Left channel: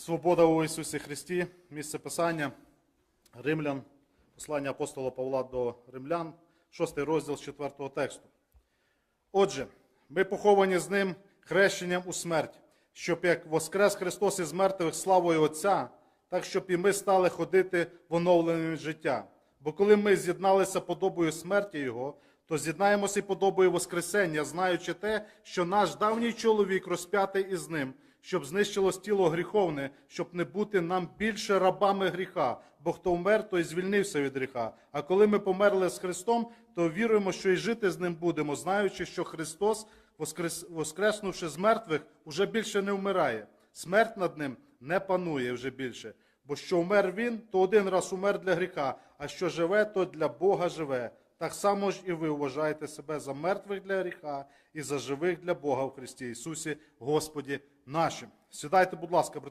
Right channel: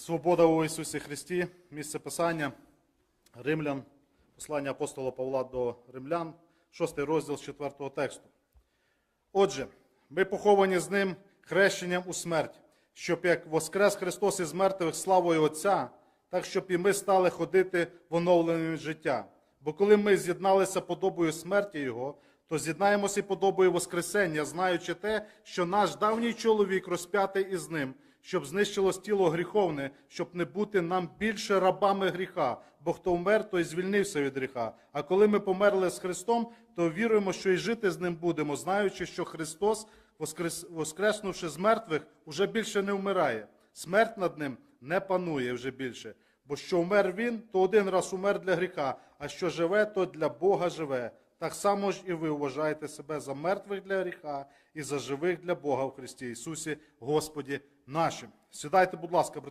Свобода у Ісусі Христі, місце Писання, Римлян, послання апостола Павла до Римлян, 6 розділ з 4 тексту. Отже, ми поховані з ним хрещенням у смерть, щоб як воскрес Христос із мертвих славою Отця, так щоб і ми стали ходити в оновленні життя. Бо коли ми з'єдналися подобою смерті Його, то з'єднаємося і подобою Воскресення, знаючи те, що наш давній чоловік розп'ятий із ним, щоб знищилось тіло гріховне, щоб не бути нам більше рабами гріха. Бо хто вмер, той звільнився від гріха. А коли ми померли з Христом, то віруємо, що і жити з ним будемо, знаючи, що Христос, воскрес, воскреснувши з мертвих, уже більше не вмирає. Смерть над ним не панує вже більше. Бо що вмер він, то один раз умер для гріха, а що живе, то для Бога живе. Так само ж і ви вважаєте себе за мертвих для гріха і за живих для Бога в Христі Ісусі, Господі нашим. Сідайте, будь ласка, брати.